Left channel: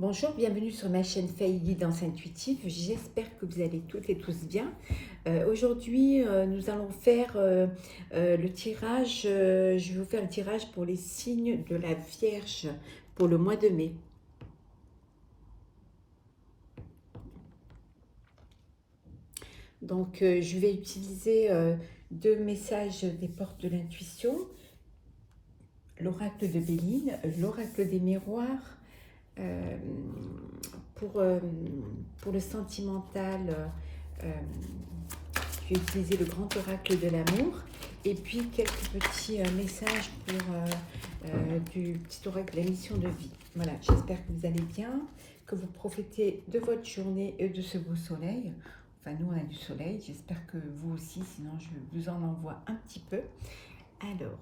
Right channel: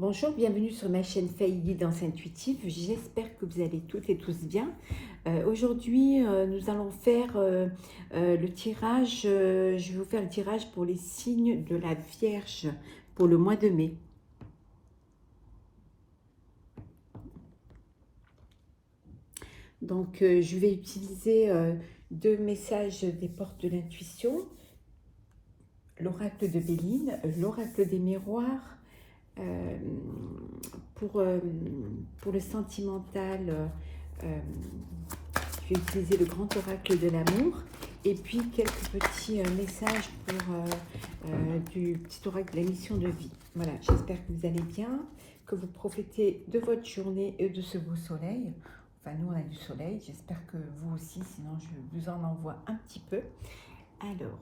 Bonjour, bienvenue sur ma chaîne Faye Guidance Intuitive. J'espère que vous allez toutes et tous bien. Aujourd'hui, nous allons faire le tirage. Je vais vous faire le tirage pour les signes de la Vierge pour le mois de mai. Donc, je vais utiliser deux messages des portes de l'intuition, l'oracle de Béline, l'oracle des miroirs. Euh, pour le sentimental, je vais utiliser le grand oracle de l'amour et puis quelques petits messages pour du petit oracle de la mission de vie. Voilà, j'espère que vous allez bien, que vous profitez de votre journée et de ce beau soleil. Enfin, nous, on a du soleil, j'espère que vous aussi, sinon je vous en envoie un petit peu. Alors,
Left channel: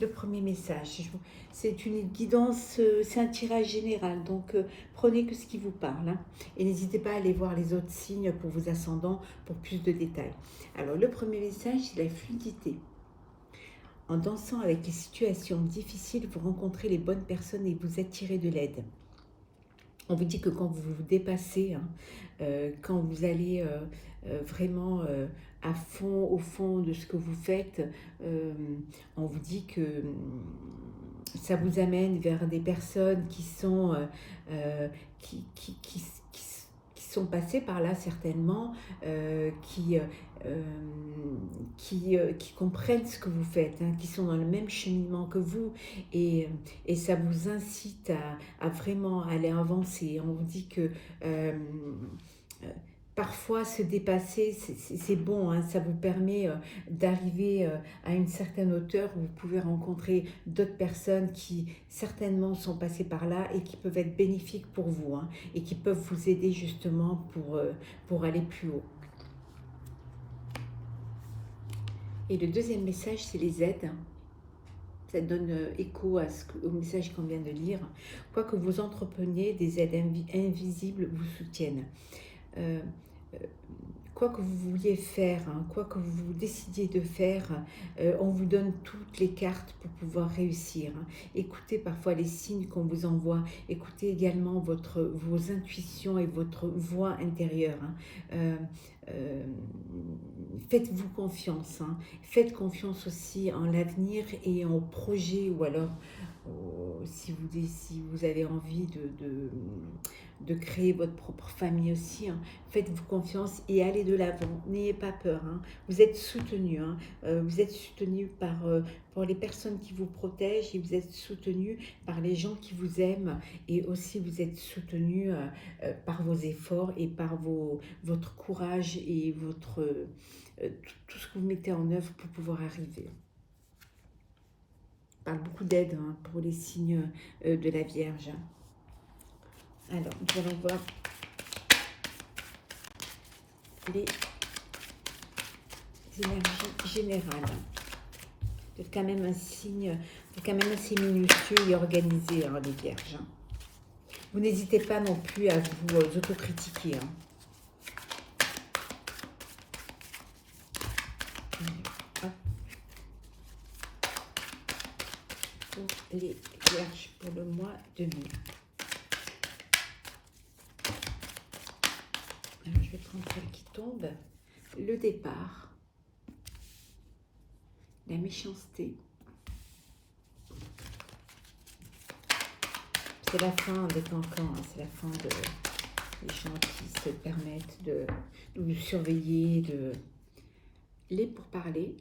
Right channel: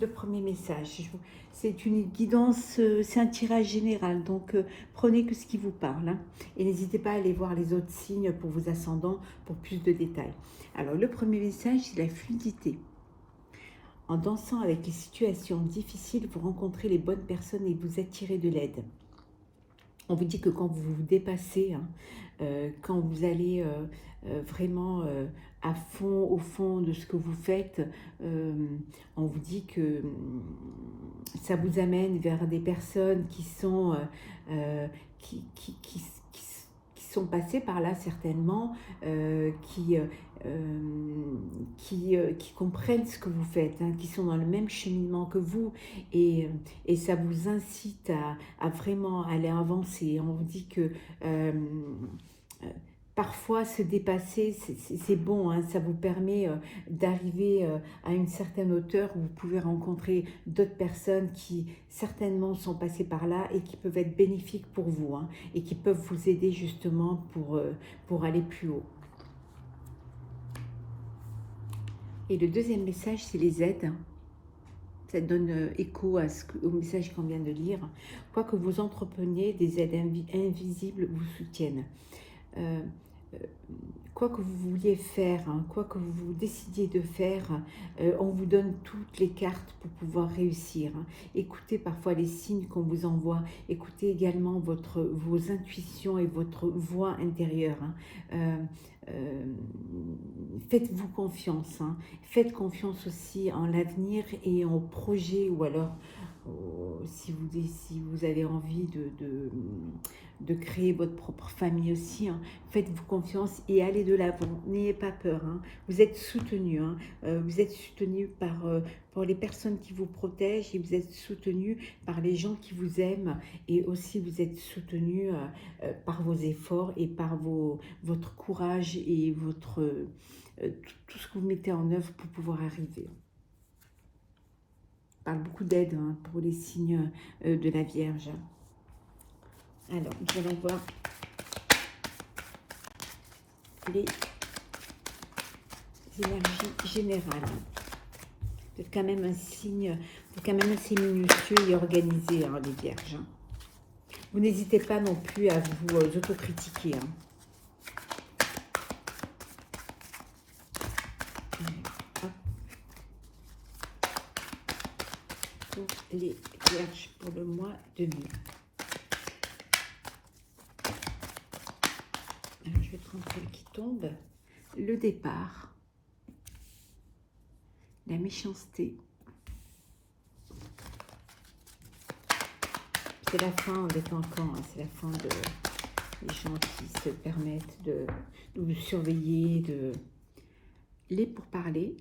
le premier message, c'est une guidance, c'est un tirage général, donc prenez que ce qui vous parle. Hein, et n'hésitez pas à aller voir les autres signes pour vos ascendants pour plus de détails. Alors, le premier message, c'est la fluidité. En dansant avec les situations difficiles, vous rencontrez les bonnes personnes et vous attirez de l'aide. On vous dit que quand vous vous dépassez, hein, quand vous allez vraiment à fond, au fond de ce que vous faites, on vous dit que ça vous amène vers des personnes qui sont, qui sont passées par là certainement, qui comprennent ce que vous faites, hein, qui sont dans le même cheminement que vous, et ça vous incite à vraiment aller avancer. On vous dit que parfois se dépasser, c'est bon, hein, ça vous permet d'arriver à une certaine hauteur où vous pouvez rencontrer d'autres personnes qui certainement sont passées par là et qui peuvent être bénéfiques pour vous, hein, et qui peuvent vous aider justement pour aller plus haut. Et le deuxième message, c'est les aides. Ça donne écho au message qu'on vient de lire. Quoi que vous entrepreniez, des aides invisibles vous soutiennent. Quoi que vous vouliez faire, hein, quoi que vous décidiez de faire, on vous donne toutes les cartes pour pouvoir réussir. Hein. Écoutez parfois les signes qu'on vous envoie, écoutez également vos intuitions et votre voix intérieure. Hein. Faites-vous confiance, hein. Faites confiance aussi en l'avenir et en projet, ou alors si vous avez envie de créer votre propre famille aussi, hein. Faites-vous confiance et allez de l'avant, n'ayez pas peur, hein. Vous êtes soutenu, hein. Vous êtes soutenu par les personnes qui vous protègent, et vous êtes soutenu par les gens qui vous aiment, et aussi vous êtes soutenu par vos efforts et par votre courage et tout ce que vous mettez en œuvre pour pouvoir arriver. On parle beaucoup d'aide, hein, pour les signes de la Vierge. Alors, nous allons voir les énergies générales. Vous êtes quand même un signe, vous êtes quand même assez minutieux et organisé, hein, les Vierges. Vous n'hésitez pas non plus à vous autocritiquer. Hein. Les Vierges pour le mois de mai. Alors, je vais prendre celle qui tombe. Le départ, la méchanceté. C'est la fin des cancans, hein, c'est la fin des gens qui se permettent de vous surveiller, les pourparlers,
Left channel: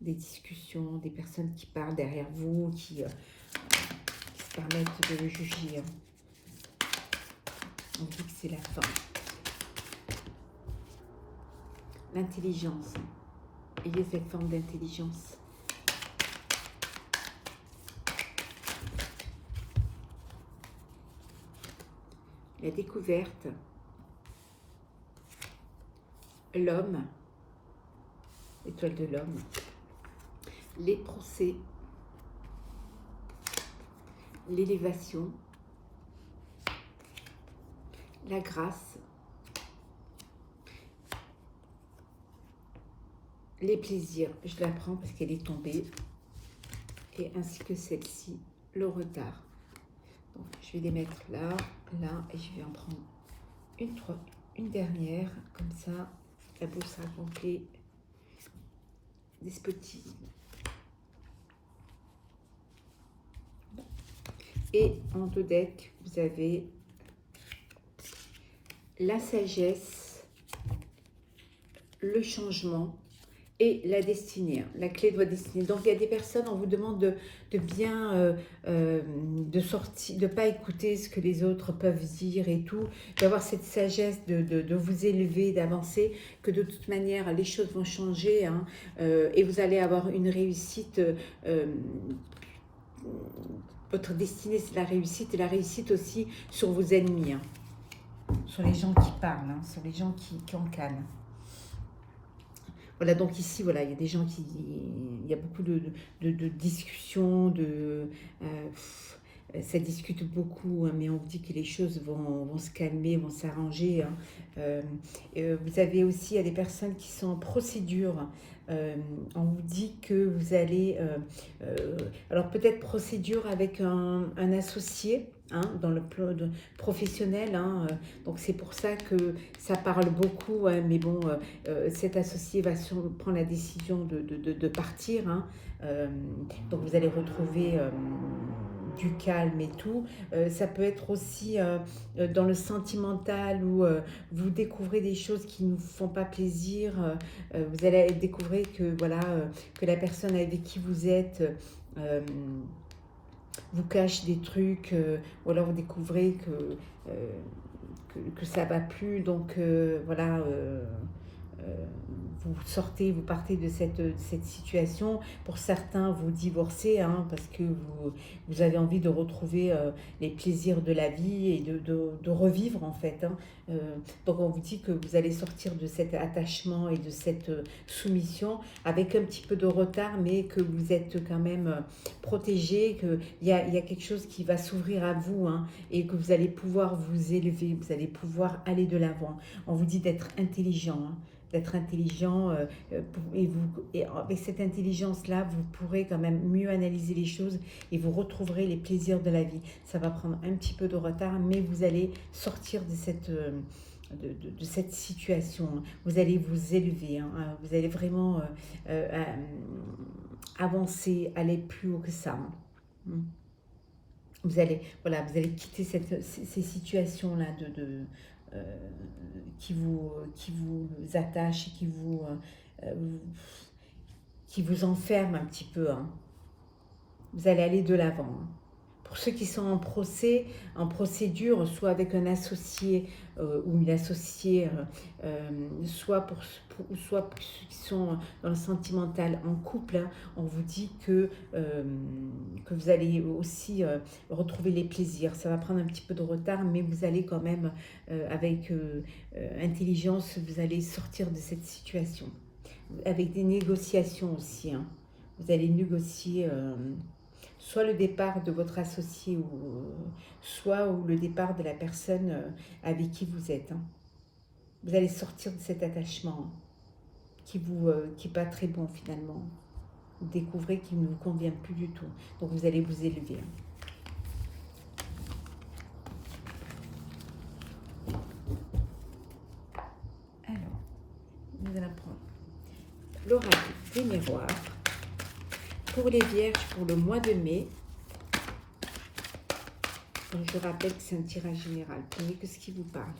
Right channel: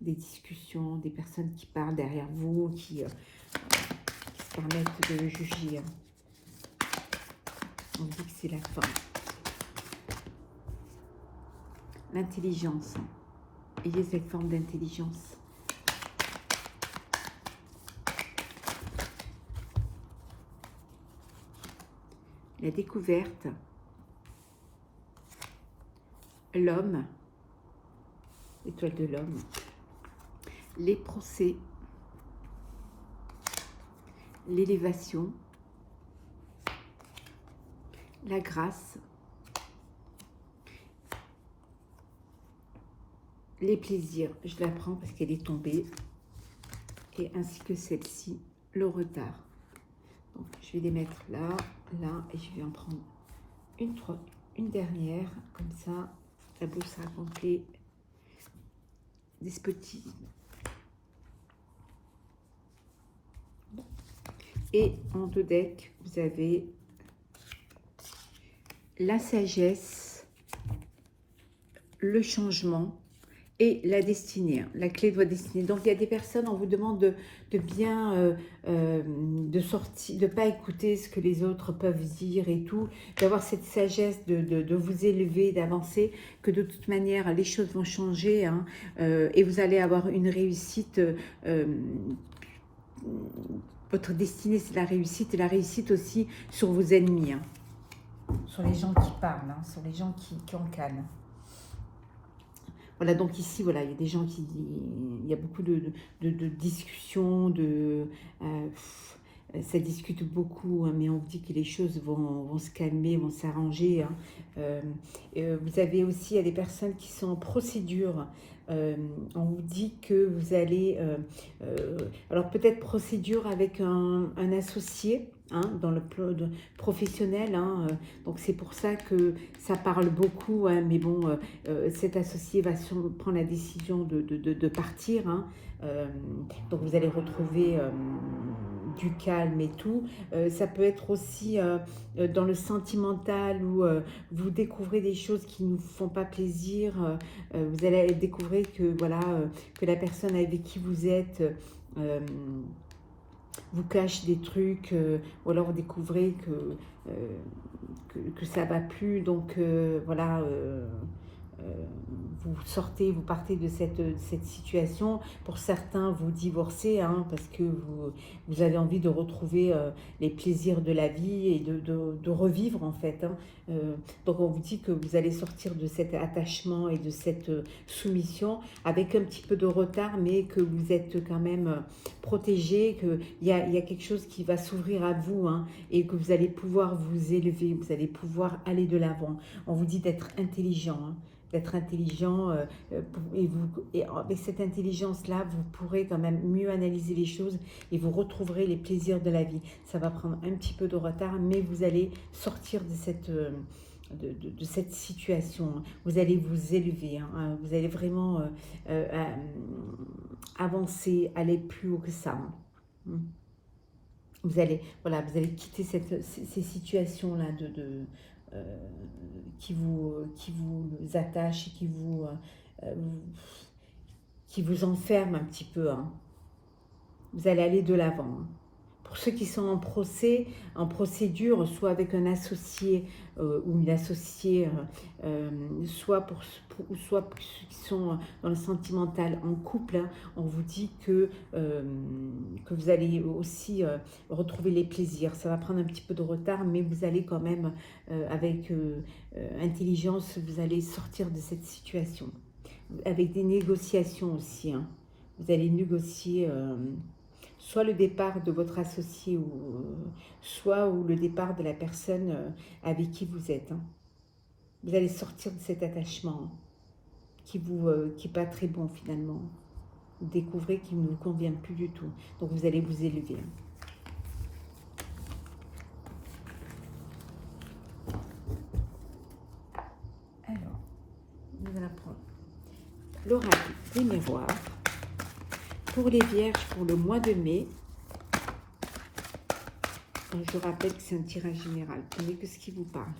des discussions, des personnes qui parlent derrière vous, qui se permettent de le juger. On dit que c'est la fin. L'intelligence. Ayez cette forme d'intelligence. La découverte. L'homme. L'étoile de l'homme. Les procès. L'élévation. La grâce. Les plaisirs, je la prends parce qu'elle est tombée, et ainsi que celle-ci, le retard. Donc, je vais les mettre là, là, et je vais en prendre une dernière, comme ça, la boule sera complète. Despotisme. Et en deux decks, vous avez la sagesse, le changement et la destinée, la clé de votre destinée. Donc, il y a des personnes, on vous demande de bien de sortir, de ne pas écouter ce que les autres peuvent dire et tout, d'avoir cette sagesse de vous élever, d'avancer, que de toute manière, les choses vont changer hein, et vous allez avoir une réussite. Votre destinée, c'est la réussite et la réussite aussi sur vos ennemis, hein, sur les gens qui parlent, hein, sur les gens qui encanent. Voilà, donc ici, voilà, il y a des gens qui... Il y a beaucoup de discussions, ça discute beaucoup, hein, mais on vous dit que les choses vont se calmer, vont s'arranger. Hein. Vous avez aussi, il y a des personnes qui sont en procédure. On vous dit que vous allez... alors peut-être procédure avec un associé, hein, dans le plan professionnel. Hein, donc c'est pour ça que ça parle beaucoup. Hein, mais bon, cet associé va prendre la décision de partir. Hein, donc vous allez retrouver du calme et tout. Ça peut être aussi dans le sentimental où vous découvrez des choses qui ne vous font pas plaisir. Vous allez découvrir que, voilà, que la personne avec qui vous êtes vous cache des trucs, ou alors vous découvrez que ça ne va plus. Donc voilà. Vous sortez, vous partez de cette situation. Pour certains, vous divorcez hein, parce que vous avez envie de retrouver les plaisirs de la vie et de revivre en fait. Hein. Donc on vous dit que vous allez sortir de cet attachement et de cette soumission avec un petit peu de retard, mais que vous êtes quand même protégé, qu'il y a quelque chose qui va s'ouvrir à vous hein, et que vous allez pouvoir vous élever, vous allez pouvoir aller de l'avant. On vous dit d'être intelligent. Hein, d'être intelligent et avec cette intelligence-là, vous pourrez quand même mieux analyser les choses et vous retrouverez les plaisirs de la vie. Ça va prendre un petit peu de retard, mais vous allez sortir de cette situation. Vous allez vous élever, hein, vous allez vraiment avancer, aller plus haut que ça. Hein. Vous allez quitter ces situations-là qui vous attachent et qui vous enferment un petit peu. Hein. Vous allez aller de l'avant. Hein. Pour ceux qui sont en procédure, soit avec un associé ou une associée, soit pour ceux qui sont dans le sentimental, en couple, hein, on vous dit que vous allez aussi retrouver les plaisirs. Ça va prendre un petit peu de retard, mais vous allez quand même, avec intelligence, vous allez sortir de cette situation. Avec des négociations aussi. Hein. Vous allez négocier... soit le départ de votre associé, soit le départ de la personne avec qui vous êtes. Hein. Vous allez sortir de cet attachement hein, qui n'est pas très bon finalement. Vous découvrez qu'il ne vous convient plus du tout. Donc vous allez vous élever. Alors, nous allons prendre l'oracle des miroirs. Pour les vierges, pour le mois de mai, je rappelle que c'est un tirage général. Prenez que ce qui vous parle.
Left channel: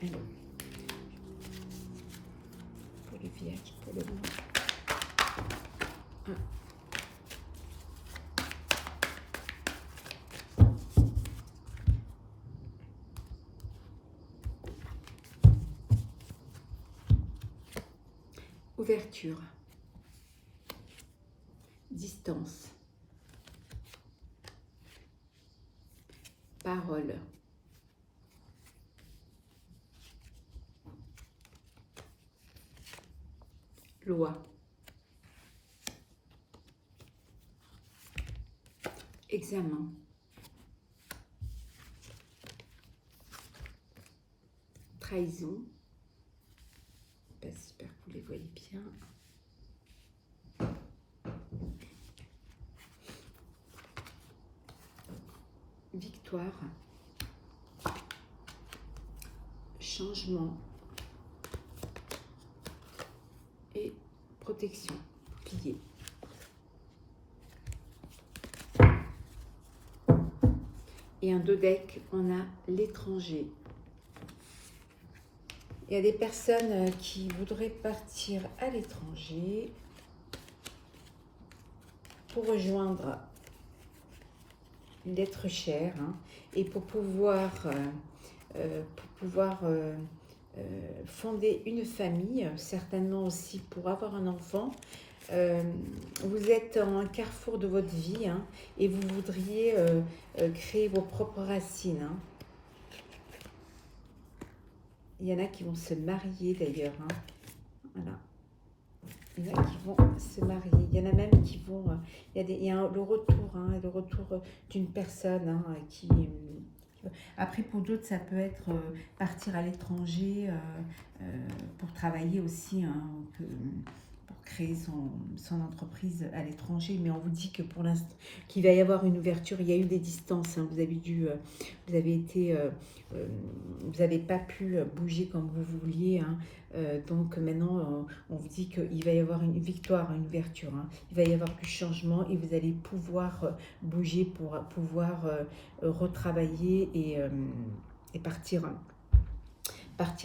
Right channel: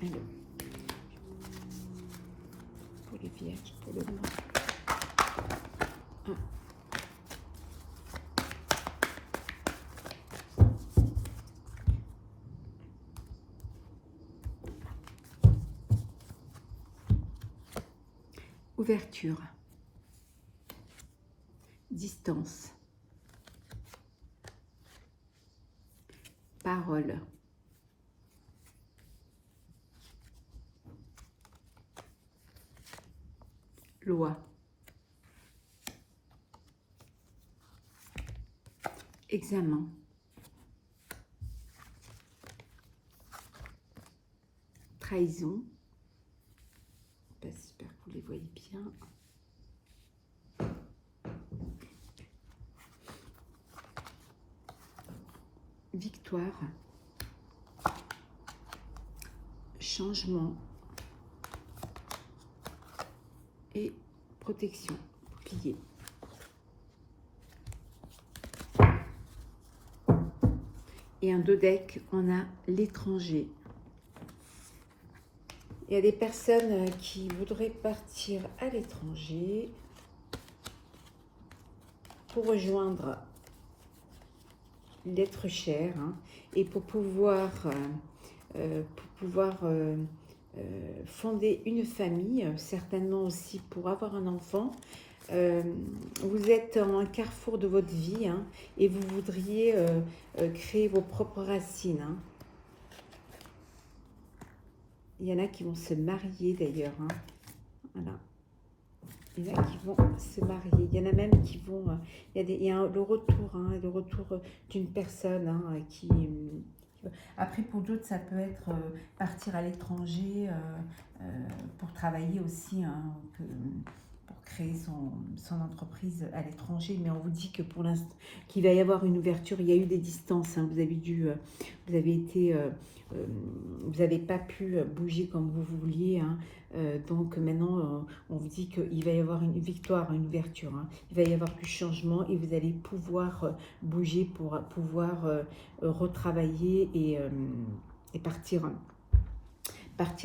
Alors, pour les vierges, pour le mois. Ouverture, distance, parole, loi, examen, trahison, vous les voyez bien. Victoire, changement et protection, pilier. Et un 2 deck, on a l'étranger. Il y a des personnes qui voudraient partir à l'étranger pour rejoindre l'être cher, hein, et pour pouvoir fonder une famille, certainement aussi pour avoir un enfant. Vous êtes en un carrefour de votre vie, hein, et vous voudriez créer vos propres racines, hein. Il y en a qui vont se marier d'ailleurs, hein. Voilà. Il y en a qui vont se marier. Il y en a même qui vont... il y a le retour, hein, le retour d'une personne, hein, qui... Après, pour d'autres, ça peut être partir à l'étranger pour travailler aussi, hein, pour créer son entreprise à l'étranger. Mais on vous dit que pour l'instant, qu'il va y avoir une ouverture. Il y a eu des distances, hein, vous avez été... vous n'avez pas pu bouger comme vous vouliez, hein. Donc maintenant, on vous dit qu'il va y avoir une victoire, une ouverture, hein. Il va y avoir du changement et vous allez pouvoir bouger pour pouvoir retravailler et partir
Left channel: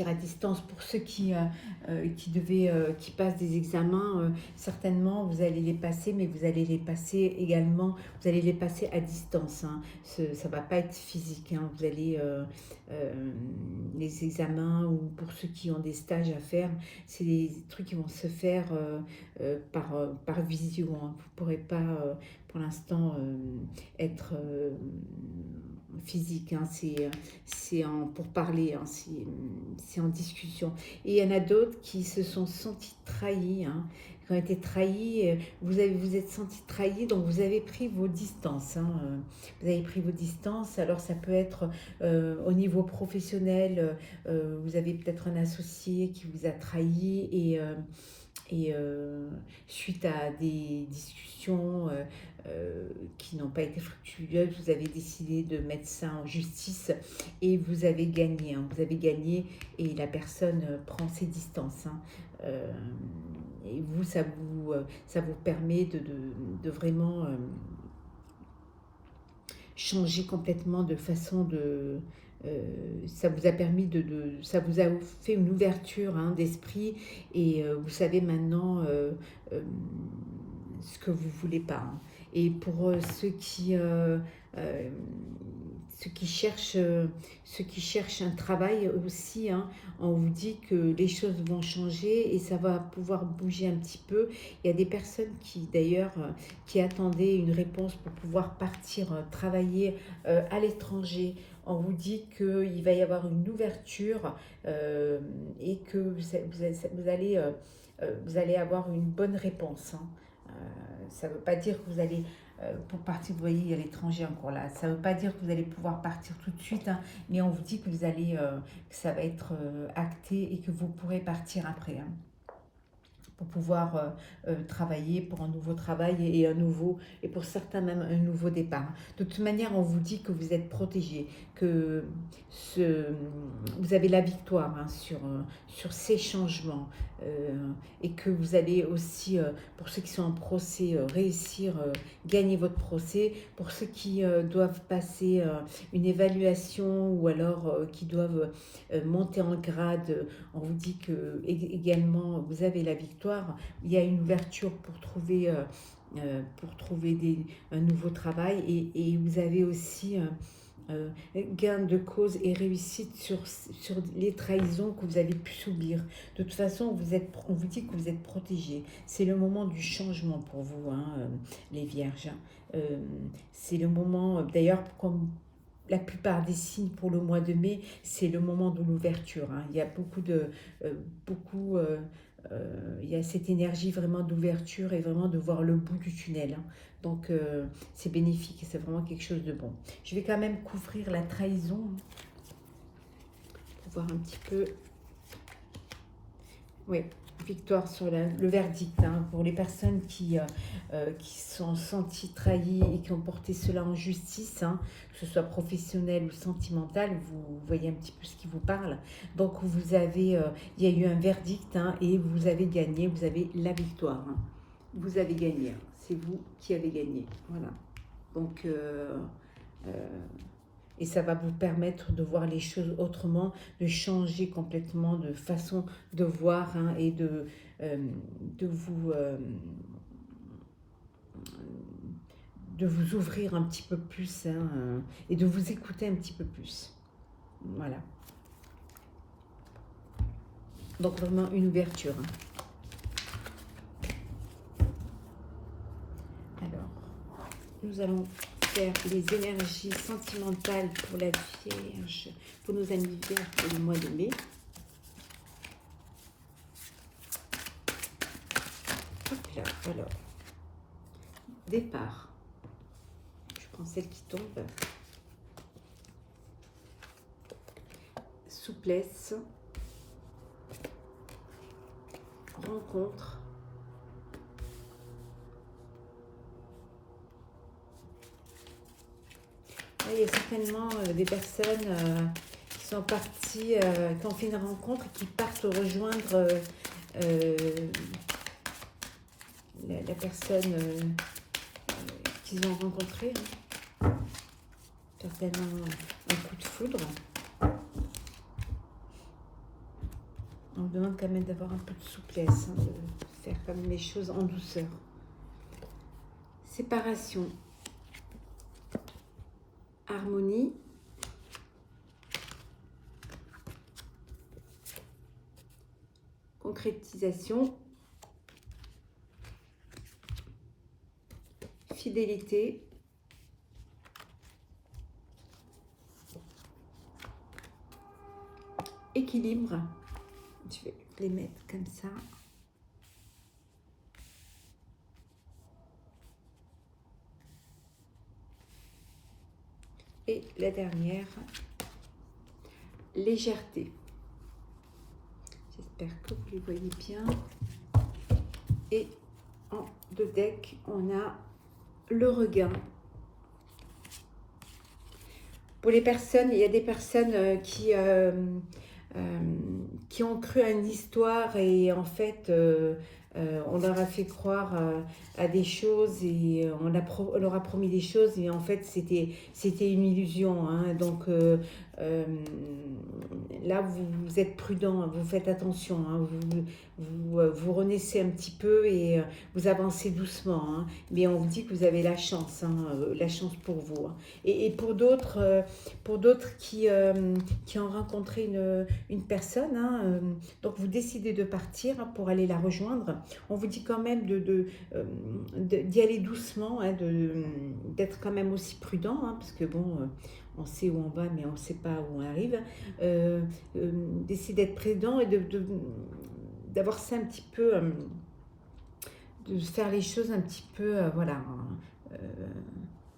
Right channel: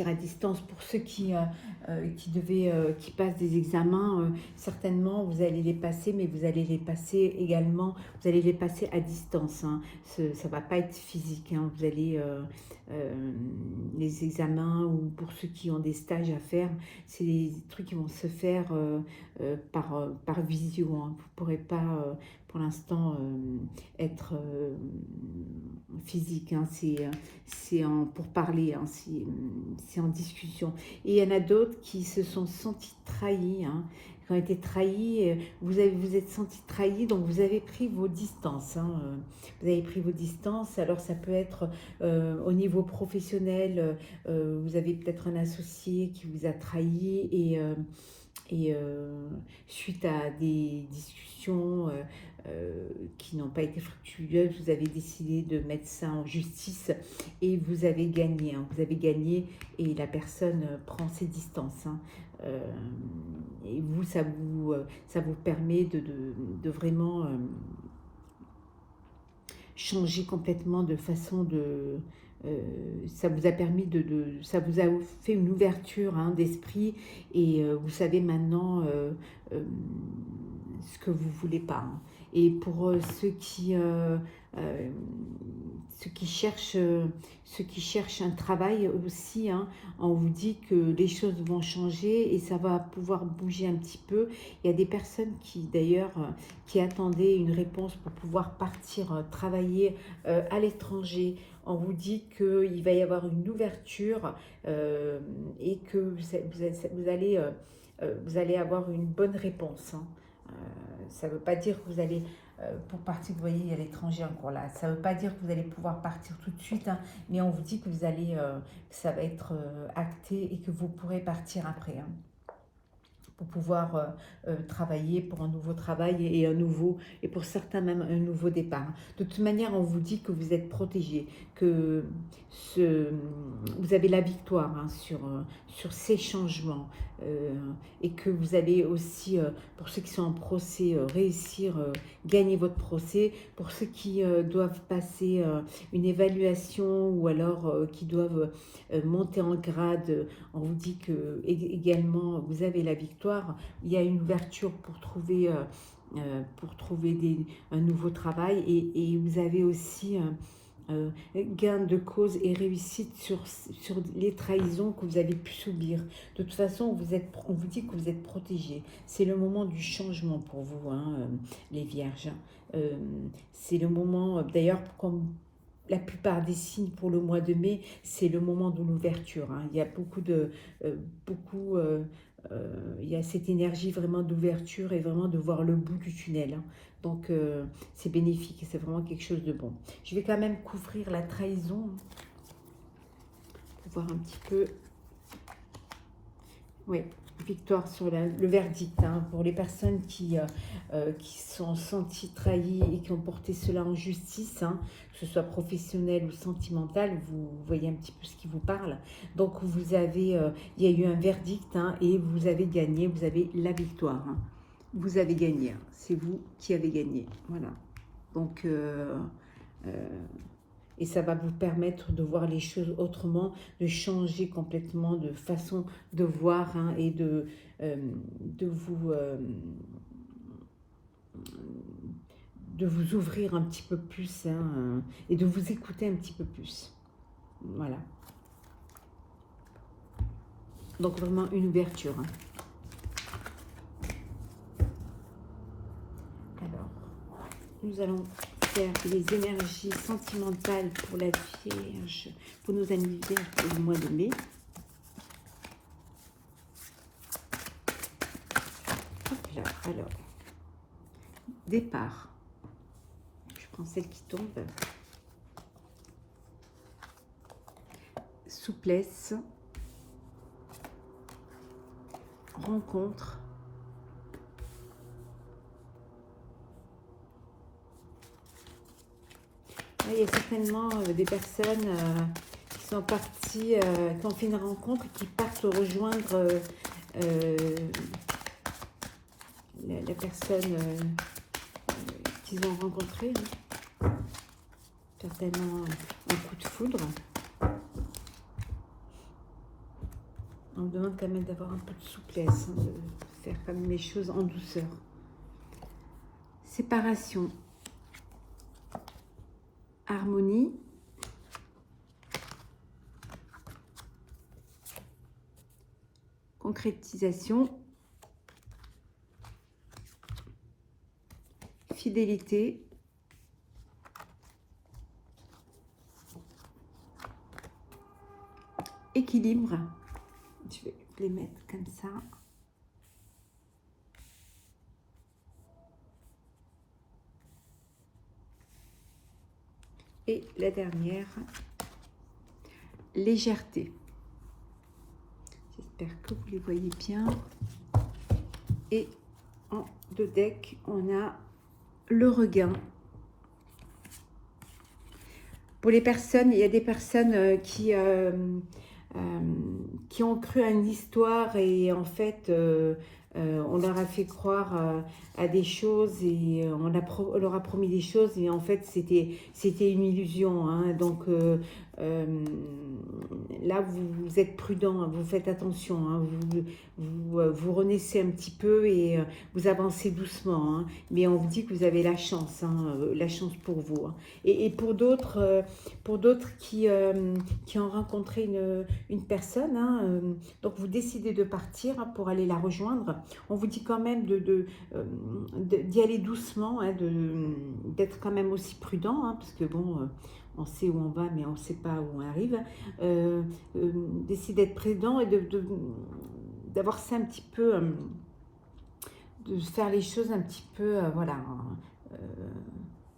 à distance. Pour ceux qui passent des examens, certainement vous allez les passer, mais vous allez les passer également, vous allez les passer à distance, hein. Ça ne va pas être physique, hein. Vous allez les examens, ou pour ceux qui ont des stages à faire, c'est des trucs qui vont se faire par visio, hein. Vous ne pourrez pas pour l'instant être physique, hein. C'est pour parler, hein. C'est en discussion. Et il y en a d'autres qui se sont sentis trahis, hein, qui ont été trahis. Vous êtes sentis trahis, donc vous avez pris vos distances, hein. Vous avez pris vos distances. Alors ça peut être au niveau professionnel, vous avez peut-être un associé qui vous a trahi, et suite à des discussions qui n'ont pas été fructueuses, vous avez décidé de mettre ça en justice et vous avez gagné, hein. Vous avez gagné et la personne prend ses distances, hein. Et vous, ça vous permet de vraiment changer complètement de façon de... ça vous a permis ça vous a fait une ouverture, hein, d'esprit, et vous savez maintenant ce que vous voulez pas, hein. Et pour ceux qui cherchent un travail aussi, hein, on vous dit que les choses vont changer et ça va pouvoir bouger un petit peu. Il y a des personnes qui d'ailleurs qui attendaient une réponse pour pouvoir partir travailler à l'étranger. On vous dit qu'il va y avoir une ouverture et que vous allez avoir une bonne réponse, hein. Ça ne veut pas dire que vous allez, pour partir, vous voyez, il y a l'étranger encore là. Ça ne veut pas dire que vous allez pouvoir partir tout de suite, hein, mais on vous dit que que ça va être acté et que vous pourrez partir après, hein, pour pouvoir travailler pour un nouveau travail et pour certains même un nouveau départ. De toute manière, on vous dit que vous êtes protégé, que vous avez la victoire, hein, sur ces changements, et que vous allez aussi, pour ceux qui sont en procès, réussir, gagner votre procès. Pour ceux qui doivent passer une évaluation ou alors qui doivent monter en grade, on vous dit que également vous avez la victoire. Il y a une ouverture pour trouver un nouveau travail, et vous avez aussi gain de cause et réussite sur les trahisons que vous avez pu subir. De toute façon, on vous dit que vous êtes protégés. C'est le moment du changement pour vous, hein, les vierges. C'est le moment, d'ailleurs, comme la plupart des signes pour le mois de mai, c'est le moment de l'ouverture, hein. Il y a il y a cette énergie vraiment d'ouverture et vraiment de voir le bout du tunnel, hein. Donc c'est bénéfique et c'est vraiment quelque chose de bon. Je vais quand même couvrir la trahison pour voir un petit peu Oui, victoire sur le verdict. Hein, pour les personnes qui sont senties trahies et qui ont porté cela en justice, hein, que ce soit professionnel ou sentimental, vous voyez un petit peu ce qui vous parle. Donc vous avez, il y a eu un verdict, hein, et vous avez gagné, vous avez la victoire. Hein. Vous avez gagné, hein, c'est vous qui avez gagné. Voilà. Donc, et ça va vous permettre de voir les choses autrement, de changer complètement de façon de voir, hein, et de vous ouvrir un petit peu plus, hein, et de vous écouter un petit peu plus. Voilà. Donc vraiment une ouverture. Hein. Alors, nous allons faire les énergies sentimentales pour la Vierge, pour nos amis Vierges pour le mois de mai. Hop là, alors, départ. Je prends celle qui tombe. Souplesse. Rencontre. Il y a certainement des personnes qui sont parties, qui ont fait une rencontre et qui partent rejoindre la personne qu'ils ont rencontrée. Hein. Certainement un coup de foudre. On me demande quand même d'avoir un peu de souplesse, hein, de faire quand même les choses en douceur. Séparation. Harmonie. Concrétisation. Fidélité. Équilibre. Je vais les mettre comme ça. Et la dernière, légèreté. J'espère que vous les voyez bien. Et en deux decks, on a le regain. Pour les personnes, il y a des personnes qui ont cru à une histoire et en fait on leur a fait croire à des choses et on leur a promis des choses et en fait c'était une illusion. Hein. Donc là vous êtes prudent, hein, vous faites attention, hein, vous renaissez un petit peu et vous avancez doucement. Hein. Mais on vous dit que vous avez la chance, hein, la chance pour vous. Hein. Et pour d'autres qui ont rencontré une personne, hein, donc vous décidez de partir, hein, pour aller la rejoindre. On vous dit quand même d'y aller doucement, hein, d'être quand même aussi prudent, hein, parce que bon, on sait où on va, mais on ne sait pas où on arrive. D'essayer d'être prudent et d'avoir ça un petit peu, de faire les choses un petit peu, voilà,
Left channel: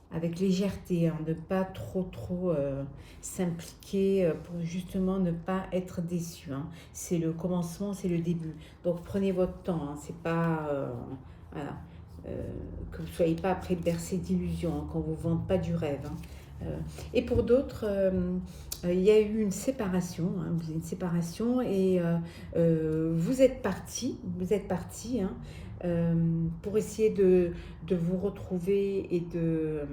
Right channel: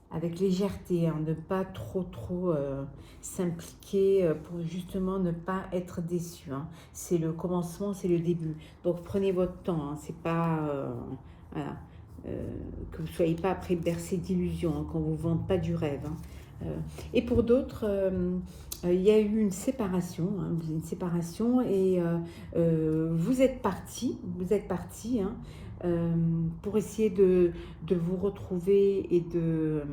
avec légèreté, hein, de ne pas trop s'impliquer pour justement ne pas être déçu. Hein. C'est le commencement, c'est le début. Donc prenez votre temps, hein, c'est pas voilà, que vous ne soyez pas après bercé d'illusions, hein, qu'on ne vous vende pas du rêve. Hein. Et pour d'autres, il y a eu une séparation, hein, et vous êtes parti, hein, pour essayer de vous retrouver et de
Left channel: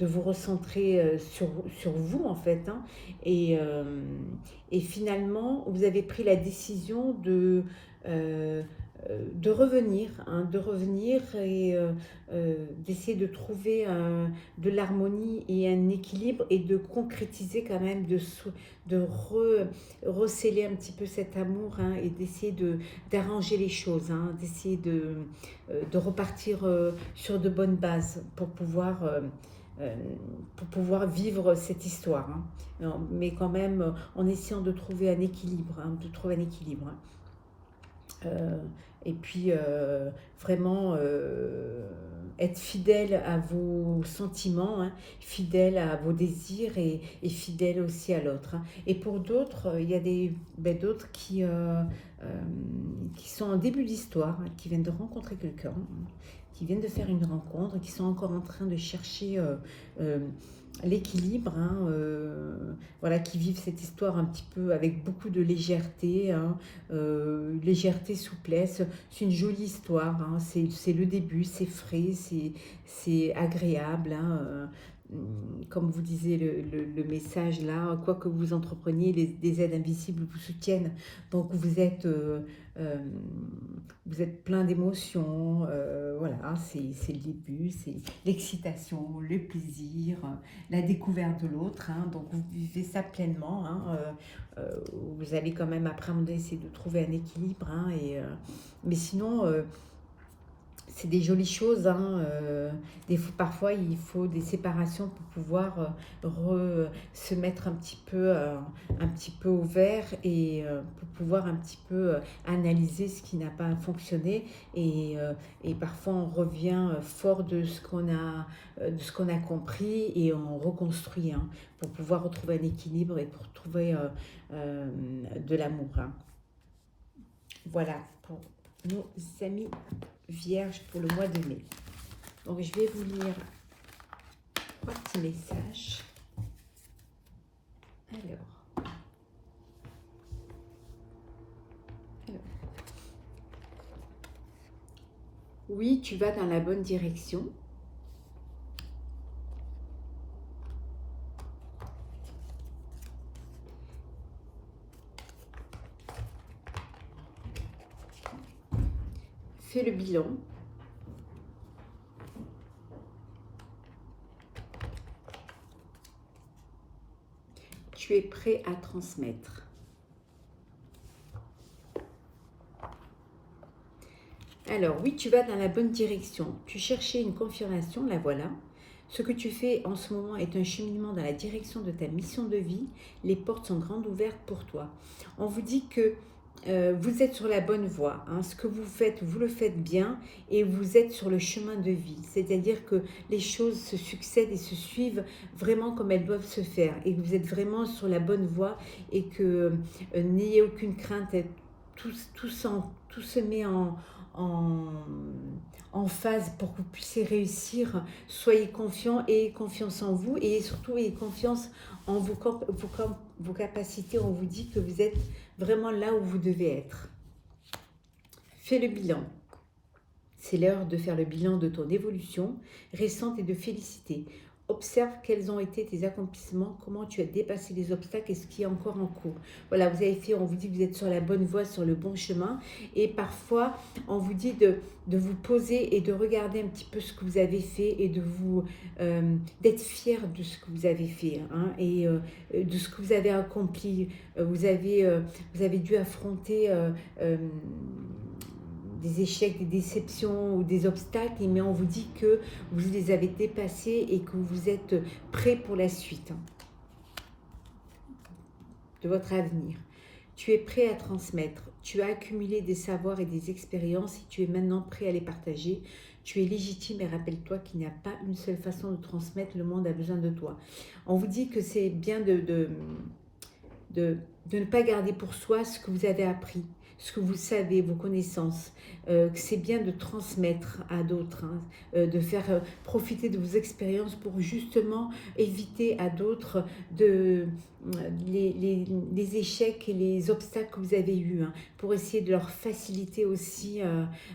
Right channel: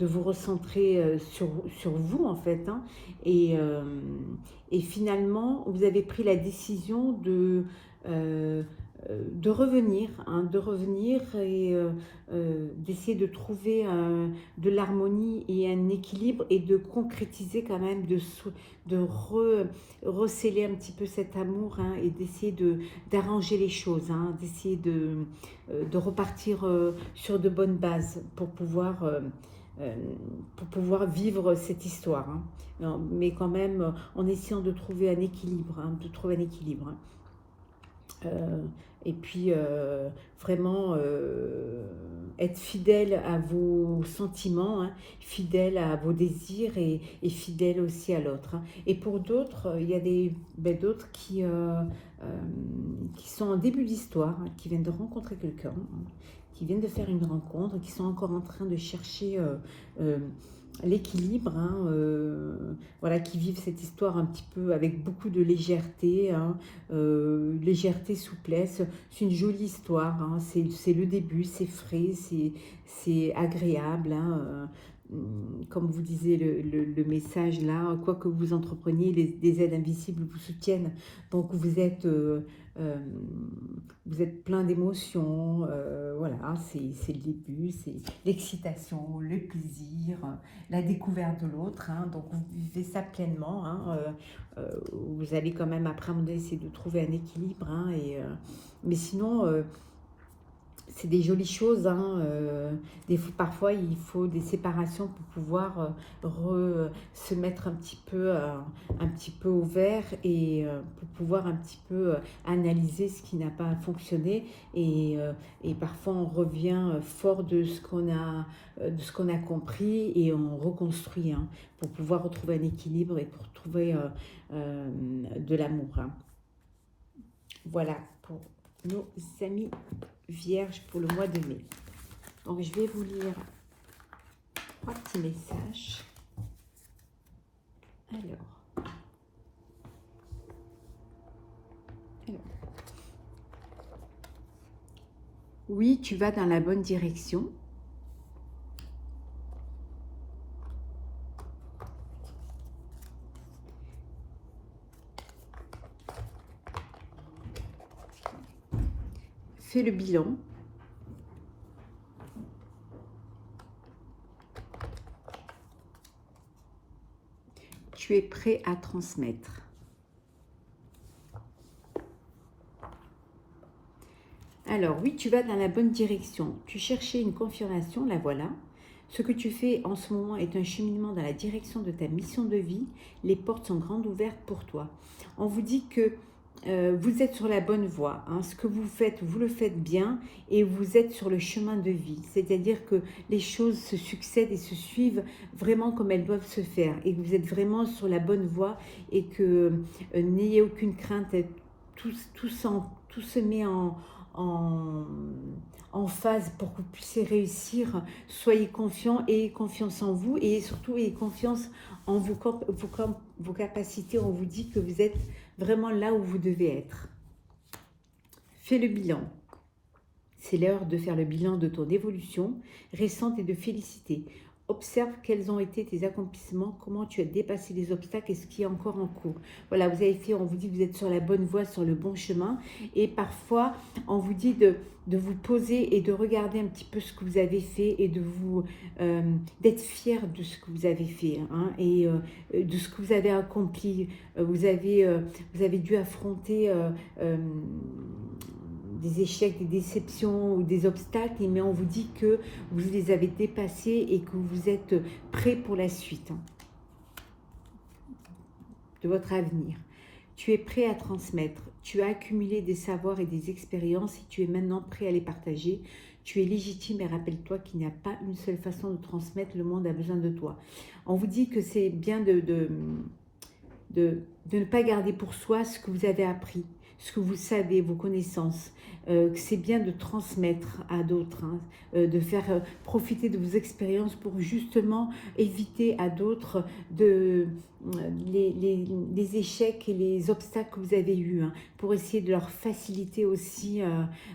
vous recentrer sur vous en fait. Hein, et finalement, vous avez pris la décision de revenir, hein, et d'essayer de trouver de l'harmonie et un équilibre et de concrétiser quand même, de recéler un petit peu cet amour, hein, et d'essayer d'arranger les choses, hein, d'essayer de repartir sur de bonnes bases pour pouvoir vivre cette histoire. Hein. Mais quand même en essayant de trouver un équilibre, hein, Et puis, vraiment être fidèle à vos sentiments, hein, fidèle à vos désirs et fidèle aussi à l'autre. Hein. Et pour d'autres, il y a d'autres qui sont en début d'histoire, hein, qui viennent de rencontrer quelqu'un, hein, qui viennent de faire une rencontre, qui sont encore en train de chercher l'équilibre, hein, voilà, qui vivent cette histoire un petit peu avec beaucoup de légèreté, hein, légèreté, souplesse. C'est une jolie histoire, hein, c'est le début, c'est frais, c'est agréable. Hein, comme vous disiez le message là, quoi que vous entrepreniez, des aides invisibles vous soutiennent. Donc vous êtes plein d'émotions, voilà, c'est le début, c'est l'excitation, le plaisir, la découverte de l'autre, hein, donc vous vivez ça pleinement, hein, vous allez quand même après essayer de trouver un équilibre, hein, mais sinon c'est des jolies choses, hein, parfois il faut des séparations pour pouvoir se mettre un petit peu au vert et pour pouvoir un petit peu analyser ce qui n'a pas fonctionné et parfois on revient fort de ce qu'on a compris et on reconstruit, hein, pour pouvoir retrouver un équilibre et pour trouver de l'amour. Hein. Voilà pour nos amis Vierge pour le mois de mai. Donc je vais vous lire 3 petits messages. Alors. Oui, tu vas dans la bonne direction. Fais le bilan. Tu es prêt à transmettre. Alors oui, tu vas dans la bonne direction. Tu cherchais une confirmation, la voilà. Ce que tu fais en ce moment est un cheminement dans la direction de ta mission de vie. Les portes sont grandes ouvertes pour toi. On vous dit que vous êtes sur la bonne voie. Hein. Ce que vous faites, vous le faites bien et vous êtes sur le chemin de vie. C'est-à-dire que les choses se succèdent et se suivent vraiment comme elles doivent se faire. Et que vous êtes vraiment sur la bonne voie et que n'ayez aucune crainte. Tout se met en phase pour que vous puissiez réussir. Soyez confiants, ayez confiance en vous et surtout ayez confiance en vos capacités. On vous dit que vous êtes vraiment là où vous devez être. Fais le bilan. C'est l'heure de faire le bilan de ton évolution récente et de féliciter. Observe quels ont été tes accomplissements, comment tu as dépassé les obstacles et ce qui est encore en cours. Voilà, vous avez fait, on vous dit que vous êtes sur la bonne voie, sur le bon chemin. Et parfois, on vous dit de vous poser et de regarder un petit peu ce que vous avez fait et d'être fier de ce que vous avez fait, hein, et de ce que vous avez accompli. Vous avez dû affronter des échecs, des déceptions ou des obstacles, mais on vous dit que vous les avez dépassés et que vous êtes prêt pour la suite de votre avenir. Tu es prêt à transmettre, tu as accumulé des savoirs et des expériences et tu es maintenant prêt à les partager. Tu es légitime et rappelle-toi qu'il n'y a pas une seule façon de transmettre, le monde a besoin de toi. On vous dit que c'est bien de ne pas garder pour soi ce que vous avez appris, ce que vous savez, vos connaissances, que c'est bien de transmettre à d'autres, hein, de faire profiter de vos expériences pour justement éviter à d'autres les échecs et les obstacles que vous avez eus, hein, pour essayer de leur faciliter aussi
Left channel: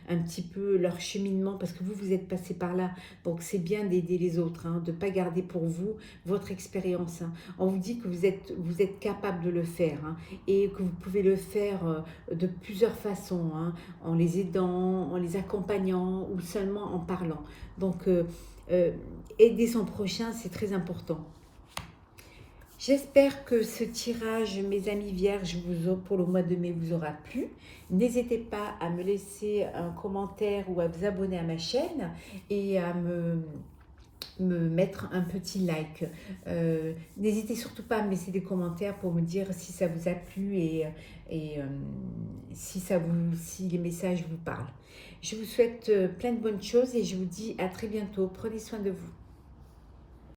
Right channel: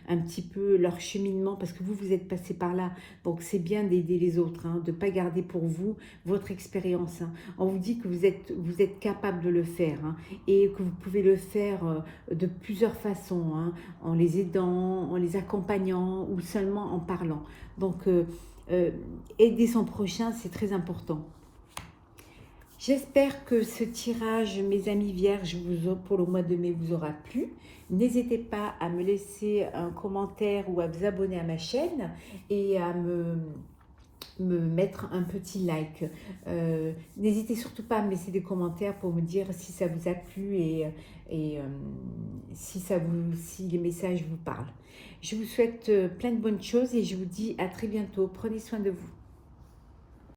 un petit peu leur cheminement, parce que vous êtes passé par là, donc c'est bien d'aider les autres, hein, de ne pas garder pour vous votre expérience. Hein. On vous dit que vous êtes capable de le faire, hein, et que vous pouvez le faire de plusieurs façons, hein, en les aidant, en les accompagnant ou seulement en parlant. Donc, aider son prochain, c'est très important. J'espère que ce tirage, mes amis vierges, pour le mois de mai, vous aura plu. N'hésitez pas à me laisser un commentaire ou à vous abonner à ma chaîne et à me me mettre un petit like. N'hésitez surtout pas à me laisser des commentaires pour me dire si ça vous a plu et si les messages vous parlent. Je vous souhaite plein de bonnes choses et je vous dis à très bientôt. Prenez soin de vous.